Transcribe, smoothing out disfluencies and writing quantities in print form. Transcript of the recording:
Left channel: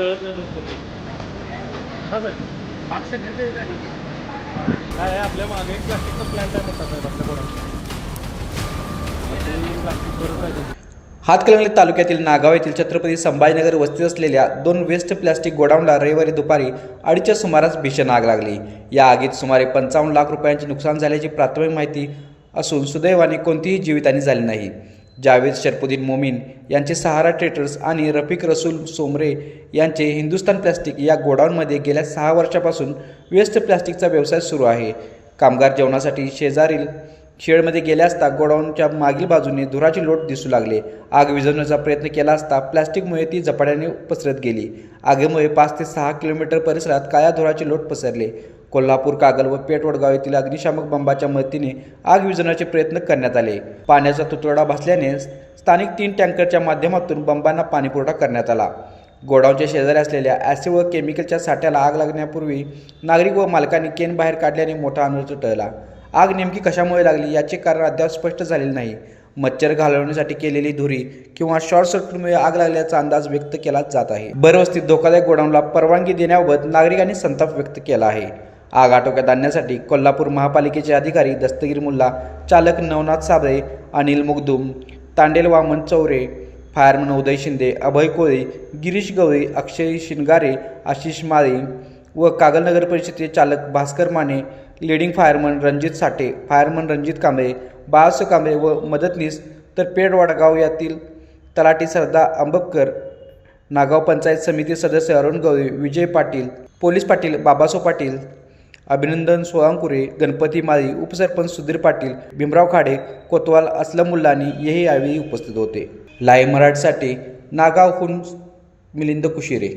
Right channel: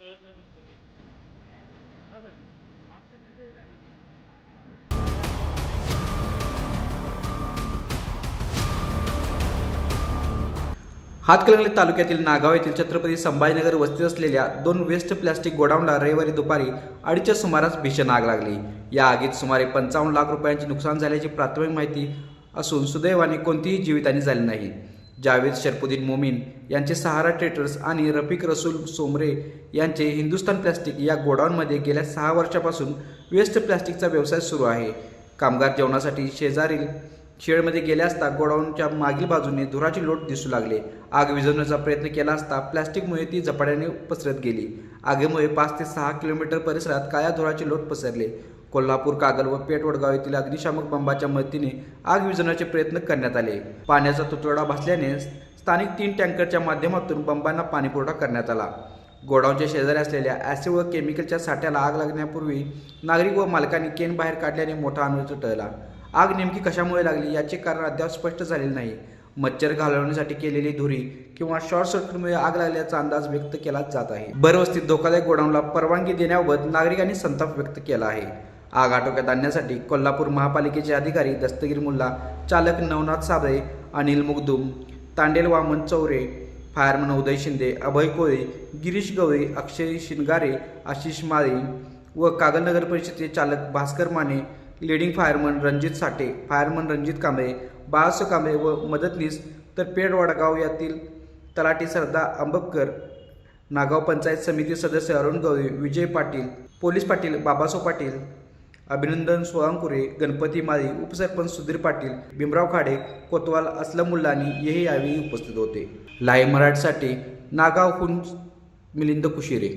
जळत नाही नुसतं ते. हां सर, मागचं घेते काय आपल्या मागे एक प्लास्टिकचा प्लॅन्ट आहे मोठा साहेब आपल्या कोणाला प्लास्टिक बरंच आहे. हातकणंगले तालुक्यातील नागाव येथील छत्रपती संभाजीनगर वस्तीत असलेल्या 2 वेस्ट प्लास्टिक गोडाऊनला रविवारी दुपारी 2:30च्या सुमारास भीषण आग लागली. या आगीत सुमारे 55 लाख रुपयांचे नुकसान झाल्याची प्राथमिक माहिती असून सुदैवाने कोणतीही जीवितहानी झाली नाही. जावेद शरफुद्दीन मोमीन यांचे सहारा ट्रेडर्स आणि रफिक रसूल सोमरे यांचे हिंदुस्तान प्लास्टिक या गोडाऊनमध्ये गेल्या 6 वर्षापासून वेस्ट प्लास्टिकचा व्यवसाय सुरू आहे. कामगार जेवणासाठी शेजारील शेडमध्ये गेले असता गोडाऊनच्या मागील बाजूने धुराची लोट दिसू लागले. आग विझवण्याचा प्रयत्न केला असता प्लास्टिकमुळे ती झपाट्याने पसरत गेली. आगीमुळे 5 ते 6 किलोमीटर परिसरात काळ्या धुराची लोट पसरले. कोल्हापूर, कागल व पेठ वडगाव येथील अग्निशामक बंबाच्या मदतीने आग विझवण्याचे प्रयत्न करण्यात आले. पाण्याचा तुटवडा भासल्याने स्थानिक 3 टँकरच्या माध्यमातून बंबांना पाणीपुरवठा करण्यात आला. गोडाऊनच्या शेजारी असलेल्या ॲसिड व केमिकलच्या साठ्याला आग लागण्यापूर्वी नागरिक व मालकांनी केन बाहेर काढल्याने मोठा अनर्थ टळला. आग नेमकी कशामुळे लागली याचे कारण अद्याप स्पष्ट झालेले नाही. मच्छर घालवण्यासाठी केलेली धुरी किंवा शॉर्ट सर्किटमुळे आग लागल्याचा अंदाज व्यक्त केला जात आहे. भरवस्तीत धोकादायक गोडाऊनला परवानगी देण्याबाबत नागरिकांनी संताप व्यक्त केला आहे. आग आटोक्यात आणण्यासाठी कोल्हापूर महापालिकेचे अधिकारी दस्तगीर मुल्ला, चालक नवनाथ साबळे, अनिल मुगदुम, तांडेल वामन चौरे, फायरमन उदय शिंदे, अभय कोळी, गिरीश गवळी, अक्षय शिनगारे, आशिष माळी व कागल नगर परिषदेचे चालक भास्कर माने, लीडिंग फायरमन रणजित साठे, फायरमन रणजित कांबळे, बाळासो कांबळे व मदतनीस, तर पेठ वडगाव यातील तलाठी सरदा अंबकर, नागाव पंचायत समिती सदस्य अरुण गवळी, विजय पाटील, पोलीस पाटील बाबासो पाटील, अभिनंदन सोळांकुरे, गणपती माळी, उपसरपंच सुधीर पाटील, भीमराव खाडे, कोतवाल, असलम मुल्लानी हेही यावेळी उपस्थित होते. लाईव्ह मराठीसाठी नागावहून मिलिंद कुशिरे.